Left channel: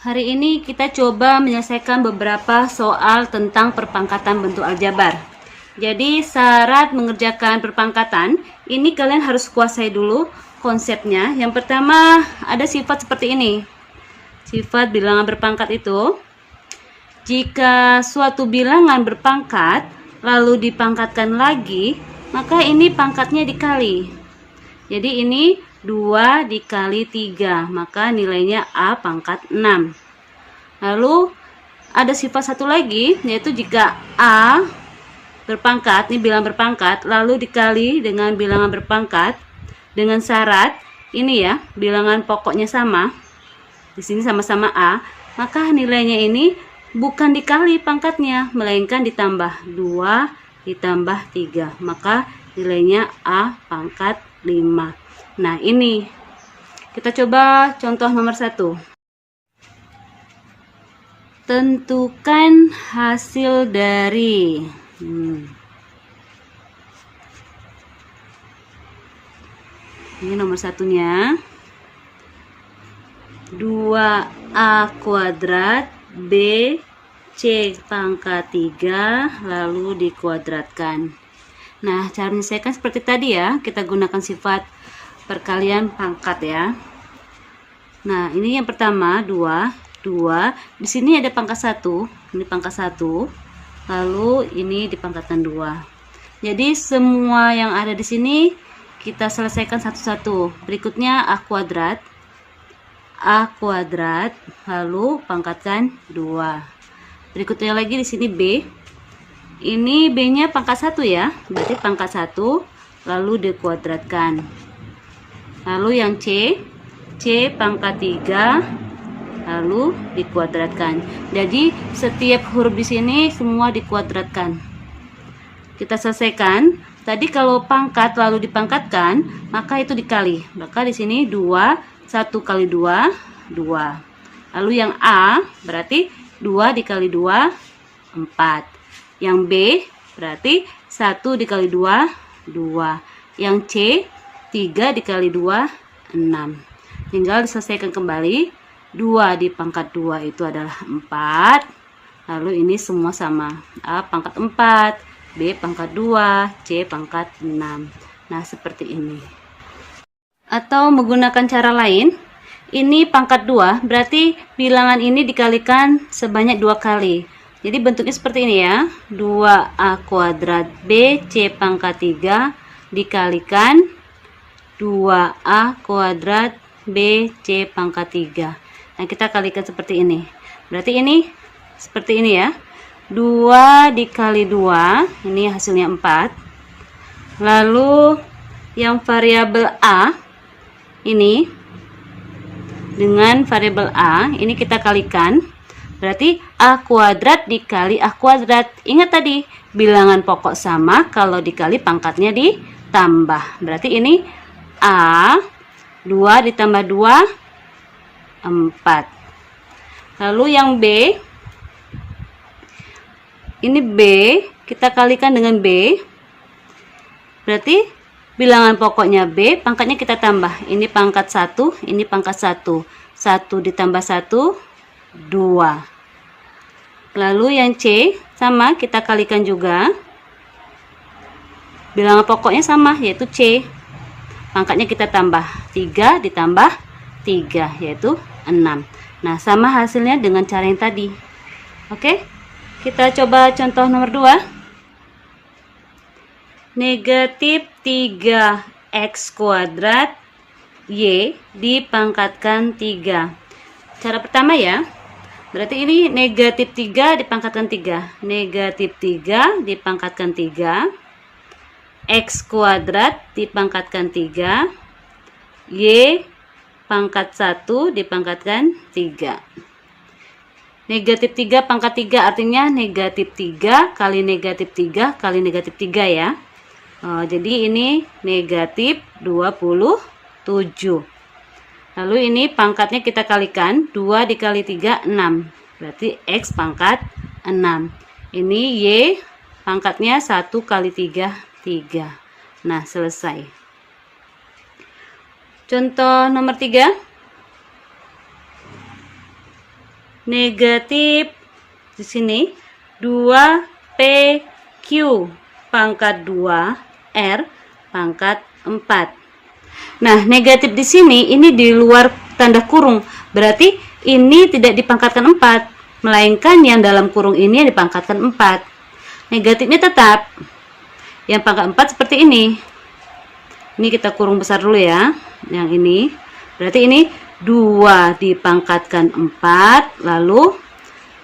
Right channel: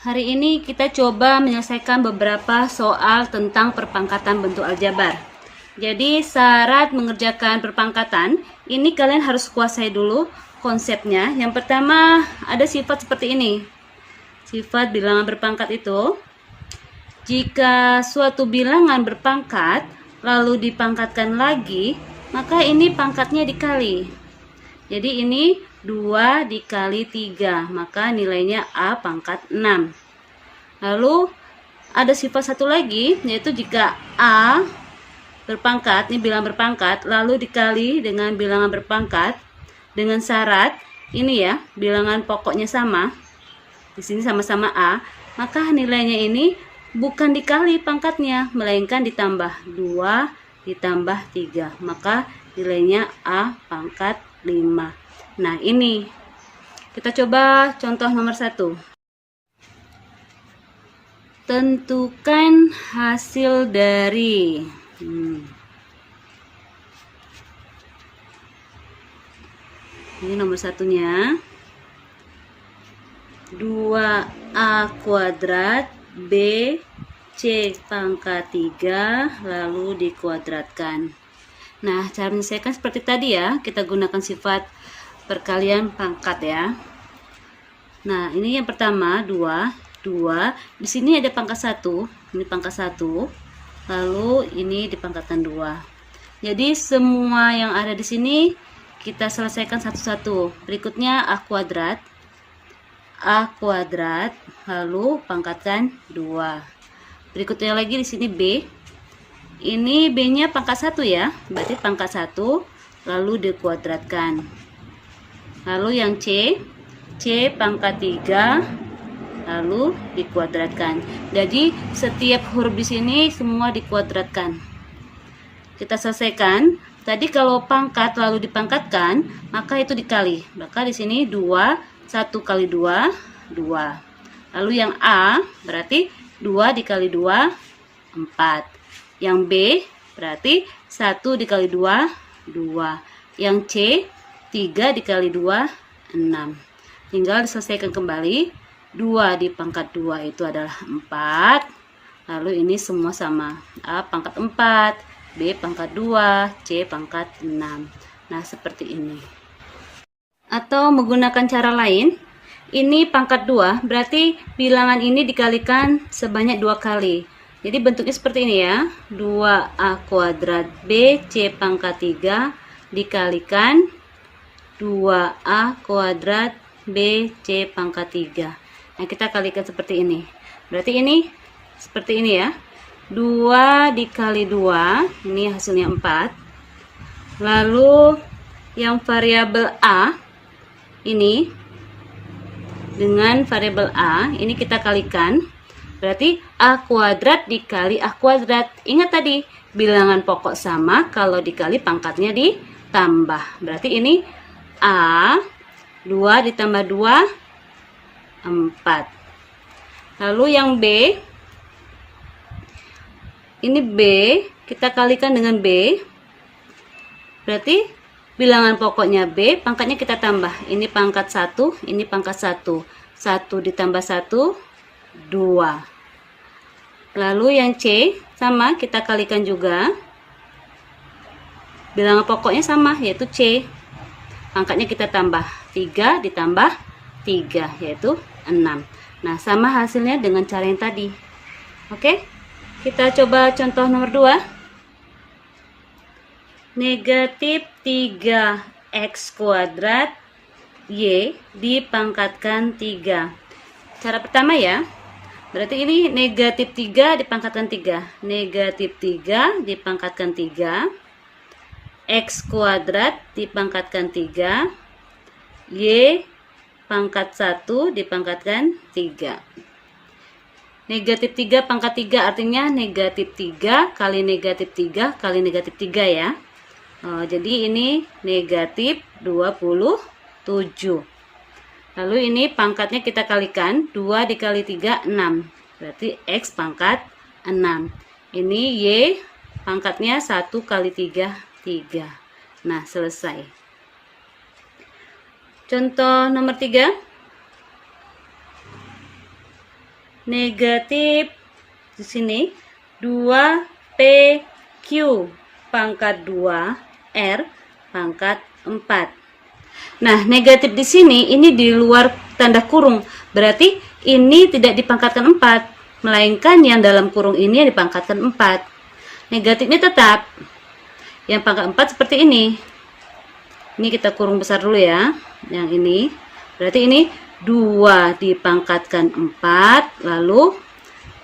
Hari ini kita coba menyelesaikan beberapa soal tentang perpangkatan bentuk aljabar. Jadi syarat mengerjakan perpangkatan, ini kalian harus kuasai dulu konsepnya. Yang pertama ada sifat seperti ini. Sifat bilangan berpangkat itu, jika suatu bilangan berpangkat lalu dipangkatkan lagi, maka ini pangkatnya dikali. Jadi ini 2 dikali 3, maka nilainya A pangkat 6. Lalu ada sifat satu lagi, yaitu jika A berpangkat, ini bilangan berpangkat, lalu dikali dengan bilangan berpangkat dengan syarat ini ya, bilangan pokoknya sama. Di sini sama-sama A, maka nilainya ini bukan dikali pangkatnya, melainkan ditambah 2 ditambah 3, maka nilainya A pangkat 5. Nah, ini kita coba contoh nomor 1. Tentukan hasil dari ini nomor satunya, 2A kuadrat B C pangkat 3 lalu dikuadratkan. Nah, cara menyelesaikan seperti tadi ya, kita gunakan sifat perkalian pangkat ya. Nah, ini yang pertama 2. Di sini ada pangkat 1, ini pangkat 1. Lalu ini dipangkatkan 2. Jadi semua yang ada di sini kita selesaikan satu-satu. Berikutnya A kuadrat lalu pangkatkan 2. Berikutnya lagi di sini B. Ini B-nya pangkat 1 ya, berarti pangkat 1 lalu dikuadratkan. Lalu yang C pangkat 3 lalu dikuadratkan. Jadi setiap huruf di sini semua dikuadratkan. Kita selesaikan. Tadi kalau pangkat lalu dipangkatkan, maka itu dikali. Maka di sini 2, 1 kali 2, 2. Lalu yang A berarti 2 dikali 2, 4. Yang B berarti 1 dikali 2, 2. Yang C 3 dikali 2, 6. Tinggal diselesaikan kembali. 2 di pangkat 2 itu adalah 4. Lalu ini semua sama. A pangkat 4, B pangkat 2, C pangkat 6. Nah, seperti ini. Atau menggunakan cara lain, ini pangkat 2, berarti bilangan ini dikalikan sebanyak 2 kali. Jadi bentuknya seperti ini ya, 2A kuadrat B C pangkat 3 dikalikan 2A kuadrat B C pangkat 3. Nah, kita kalikan seperti ini. Berarti ini seperti ini ya, 2 dikali 2, ini hasilnya 4. Lalu yang variabel A ini dengan variabel A ini kita kalikan. Berarti A kuadrat dikali A kuadrat. Ingat tadi, bilangan pokok sama, kalau dikali pangkatnya ditambah. Berarti ini A, 2 ditambah 2, 4. Lalu yang B, ini B, kita kalikan dengan B. Berarti bilangan pokoknya B, pangkatnya kita tambah. Ini pangkat 1, ini pangkat 1. 1 ditambah 1, 2. Lalu yang C sama, kita kalikan juga. Bilangan pokoknya sama, yaitu C. Pangkatnya kita tambah. 3 ditambah 3, yaitu 6. Nah, sama hasilnya dengan cara yang tadi. Oke, kita coba contoh nomor 2. Negatif 3x kuadrat Y dipangkatkan 3. Cara pertama ya, berarti ini negatif 3 dipangkatkan 3. Negatif 3 dipangkatkan 3. X kuadrat dipangkatkan 3. Y pangkat 1 dipangkatkan 3. Negatif 3 pangkat 3 artinya negatif 3 kali negatif 3 kali negatif 3 ya. Jadi ini negatif 27. Lalu ini pangkatnya kita kalikan, 2 dikali 3, 6. Berarti X pangkat 6. Ini Y pangkatnya 1 kali 3, 3. Nah, selesai. Contoh nomor 3. negatif di sini 2PQ pangkat 2 R pangkat 4. Nah, negatif di sini ini di luar tanda kurung. Berarti ini tidak dipangkatkan 4, melainkan yang dalam kurung ini dipangkatkan 4. Negatifnya tetap. Yang pangkat 4 seperti ini. Ini kita kurung besar dulu ya. Yang ini. Berarti ini 2 dipangkatkan 4, lalu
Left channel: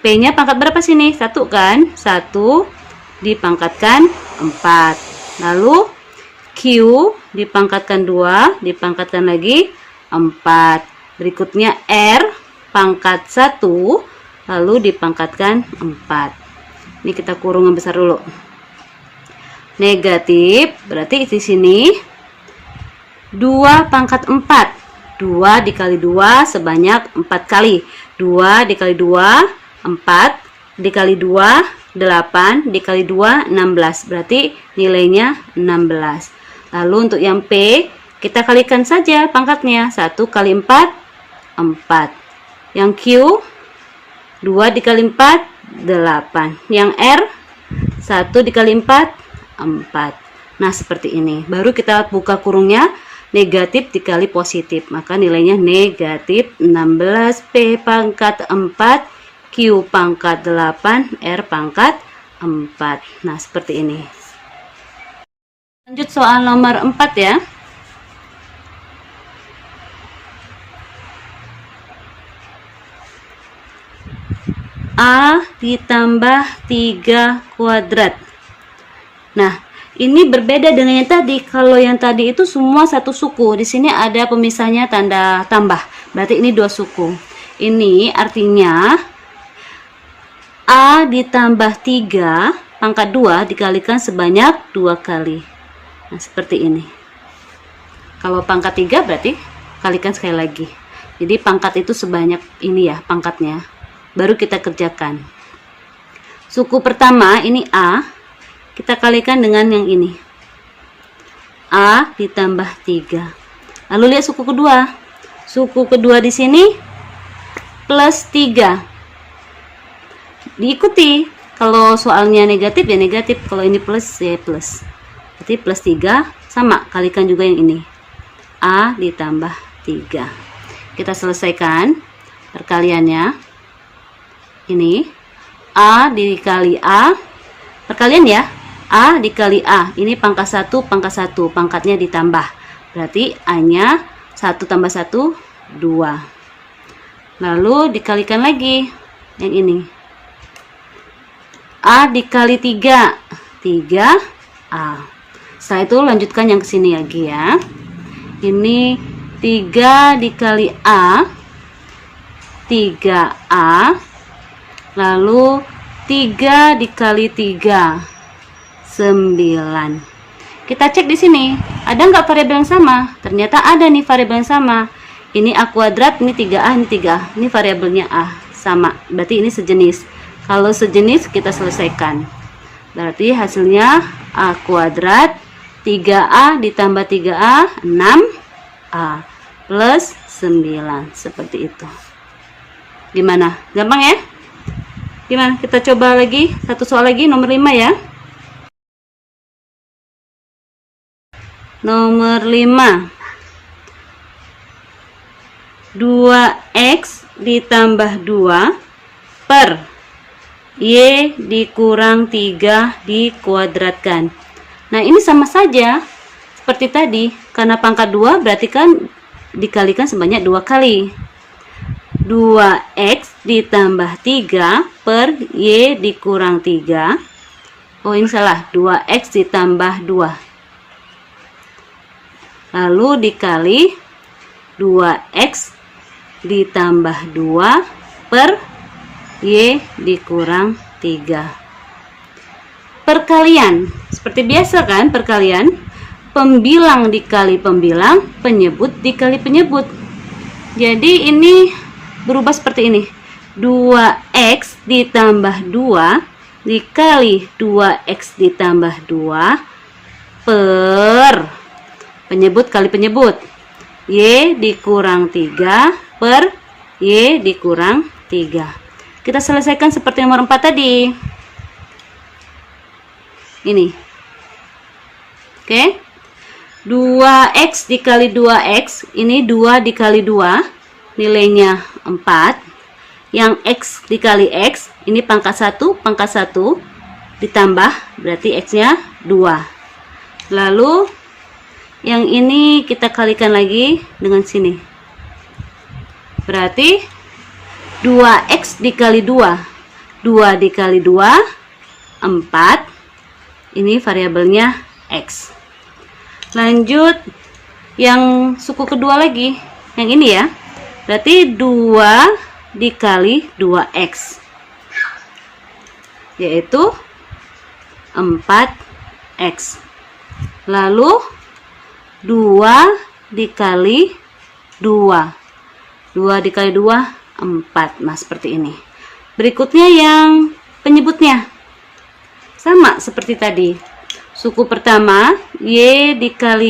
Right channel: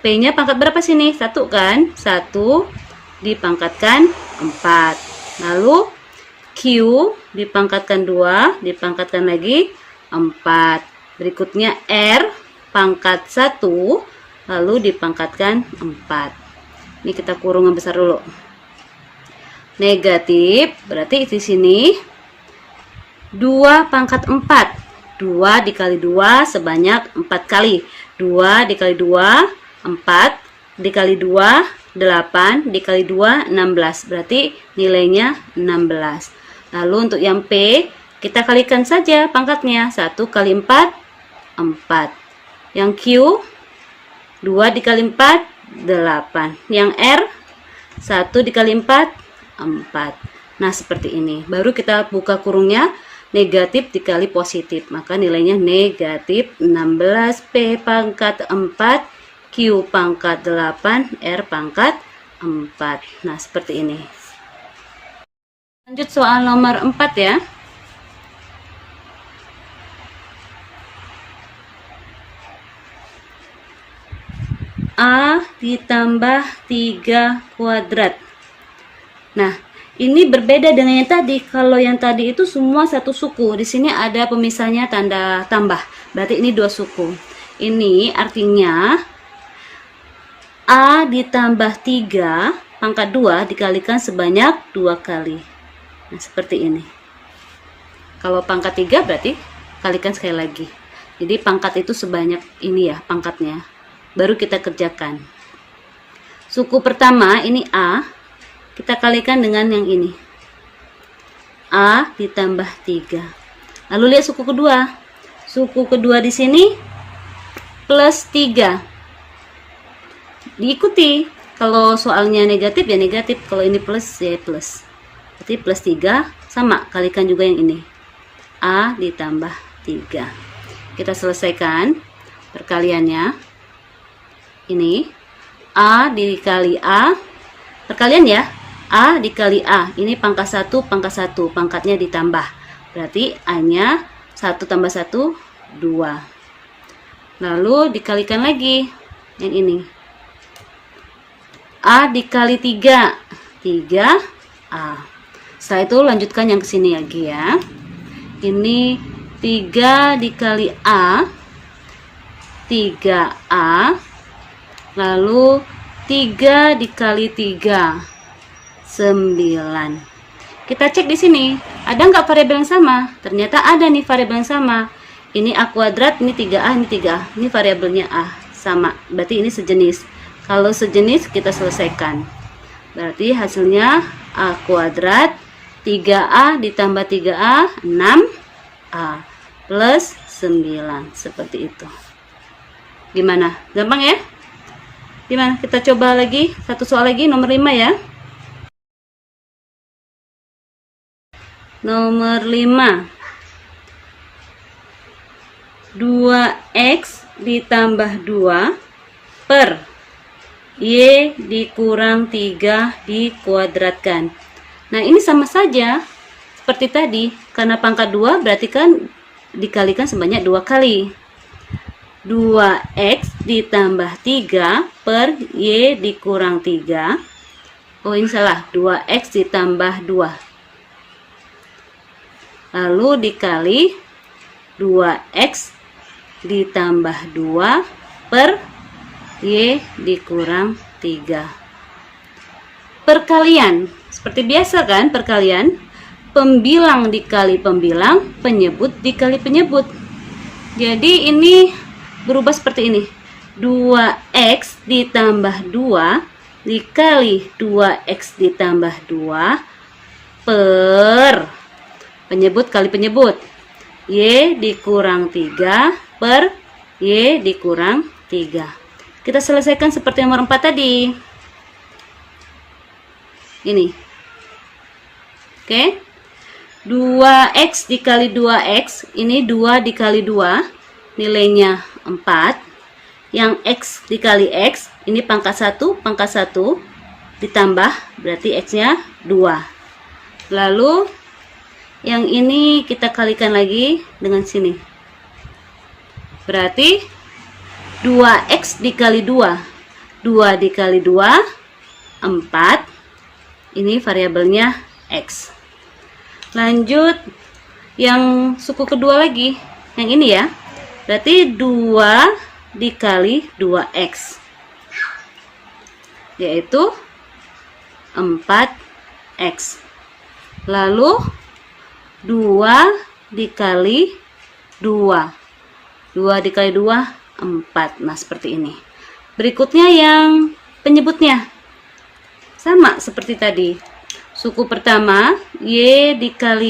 P-nya pangkat berapa sini? 1 kan? 1 dipangkatkan 4. Lalu Q dipangkatkan 2, dipangkatkan lagi 4. Berikutnya R pangkat 1, lalu dipangkatkan 4. Ini kita kurung yang besar dulu. Negatif, berarti di sini 2 pangkat 4. 2 dikali 2 sebanyak 4 kali. 2 dikali 2, 4. Dikali 2, 8. Dikali 2, 16. Berarti nilainya 16. Lalu untuk yang P, kita kalikan saja pangkatnya. 1 kali 4, 4. Yang Q, 2 dikali 4, 8. Yang R, 1 dikali 4, 4. Nah, seperti ini. Baru kita buka kurungnya, negatif dikali positif. Maka nilainya negatif 16, P pangkat 4, Q pangkat 8, R pangkat 4. Nah, seperti ini. Lanjut soal nomor 4 ya. A ditambah 3 kuadrat. Nah, ini berbeda dengan yang tadi. Kalau yang tadi itu semua satu suku. Di sini ada pemisahnya tanda tambah. Berarti ini 2 suku. Ini artinya A ditambah 3 pangkat 2 dikalikan sebanyak 2 kali. Nah, seperti ini. Kalau pangkat 3 berarti kalikan sekali lagi. Jadi pangkat itu sebanyak ini ya pangkatnya. Baru kita kerjakan. Suku pertama ini A. Kita kalikan dengan yang ini. A ditambah 3. Lalu lihat suku kedua. Suku kedua di sini plus 3. Diikuti. Kalau soalnya negatif ya negatif. Kalau ini plus ya plus. Berarti plus 3 sama. Kalikan juga yang ini. A ditambah 3. Kita selesaikan perkaliannya. Ini A dikali A. Perkalian ya. A dikali A. Ini pangkat 1, pangkat 1. Pangkatnya ditambah. Berarti A-nya 1 tambah 1, 2. Lalu dikalikan lagi. Yang ini. A dikali 3. 3A. Setelah itu lanjutkan yang kesini lagi ya. Ini 3 dikali A. 3A. Lalu 3 dikali 3. 9. Kita cek di sini, ada nggak variabel yang sama? Ternyata ada nih variabel yang sama. Ini A kuadrat, ini 3A, ini 3A. Ini variabelnya A, sama. Berarti ini sejenis. Kalau sejenis kita selesaikan. Berarti hasilnya A kuadrat 3A ditambah 3A 6A plus 9. Seperti itu. Gimana? Gampang ya? Gimana? Kita coba lagi. Satu soal lagi, nomor 5 ya. Nomor 5. 2X ditambah 2 per Y dikurang 3 dikuadratkan. Nah, ini sama saja seperti tadi. Karena pangkat 2 berarti kan dikalikan sebanyak 2 kali. 2X ditambah 3 per Y dikurang 3. Oh, ini salah. 2X ditambah 2. Lalu dikali 2X ditambah 2 per Y dikurang 3. Perkalian. Seperti biasa kan perkalian. Pembilang dikali pembilang, penyebut dikali penyebut. Jadi ini berubah seperti ini. 2X ditambah 2 dikali 2X ditambah 2 per penyebut kali penyebut. Y dikurang 3 per Y dikurang 3. Kita selesaikan seperti nomor 4 tadi. Ini. Oke. 2x dikali 2x, ini 2 dikali 2, nilainya 4. Yang x dikali x, ini pangkat 1, ditambah, berarti x-nya 2. Lalu, yang ini kita kalikan lagi dengan sini. Berarti, 2x dikali 2, 2 dikali 2, 4. Ini variabelnya x. Lanjut yang suku kedua lagi, yang ini ya. Berarti 2 dikali 2x, yaitu 4x. Lalu 2 dikali 2, 2 dikali 2, 4. Nah, seperti ini. Berikutnya yang penyebutnya sama seperti tadi. Suku pertama, y dikali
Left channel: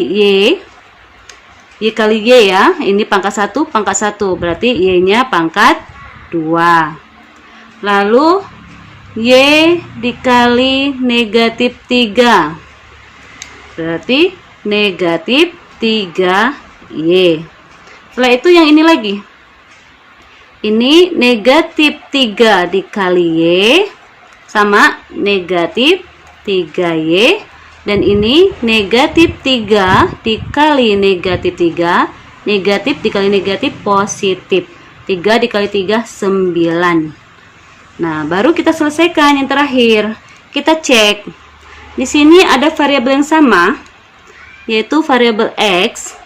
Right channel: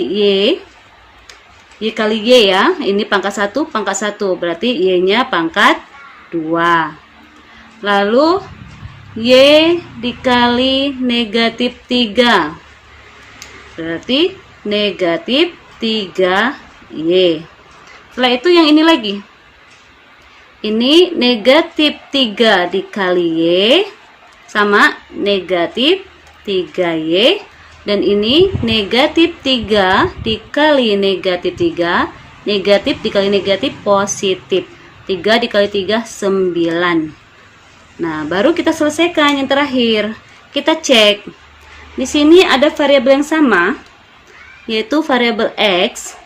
y kali y ya. Ini pangkat 1, berarti y-nya pangkat 2. Lalu, y dikali negatif 3. Berarti negatif 3y. Setelah itu yang ini lagi. Ini negatif 3 dikali y sama negatif 3y. Dan ini negatif 3 dikali negatif 3, negatif dikali negatif positif. 3 dikali 3, 9. Nah, baru kita selesaikan yang terakhir. Kita cek. Di sini ada variabel yang sama, yaitu variabel x.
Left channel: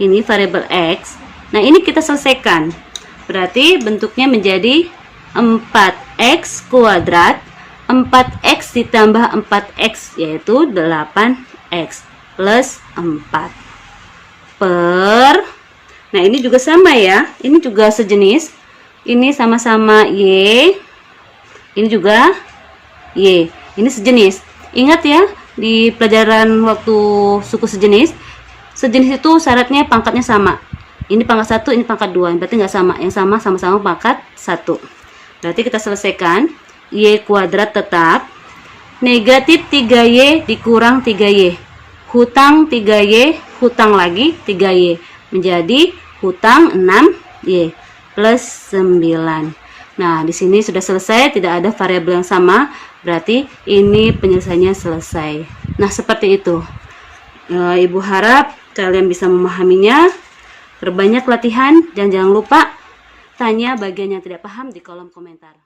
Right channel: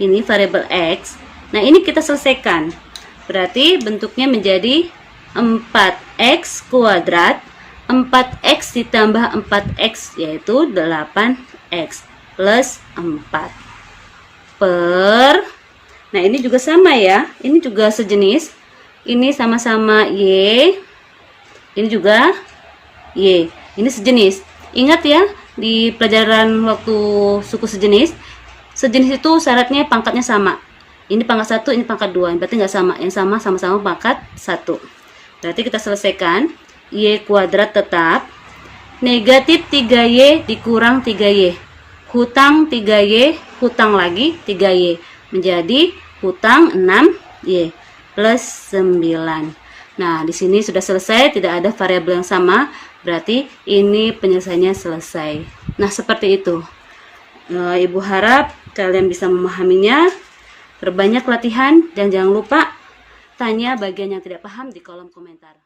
Ini variabel x. Nah, ini kita selesaikan. Berarti bentuknya menjadi 4x kuadrat. 4x ditambah 4x, yaitu 8x plus 4 per, nah ini juga sama ya, ini juga sejenis, ini sama-sama y, ini juga y, ini sejenis. Ingat ya, di pelajaran waktu suku sejenis itu syaratnya pangkatnya sama. Ini pangkat 1, ini pangkat 2, berarti nggak sama. Yang sama-sama pangkat 1. Berarti kita selesaikan. Y kuadrat tetap, negatif 3y dikurang 3y, hutang 3y, hutang lagi 3y, menjadi hutang 6y plus 9. Nah, di sini sudah selesai, tidak ada variabel yang sama, berarti ini penyelesaiannya selesai. Nah, seperti itu. Ibu harap kalian bisa memahaminya. Perbanyak latihan dan jangan lupa tanya bagian yang tidak paham di kolom komentar.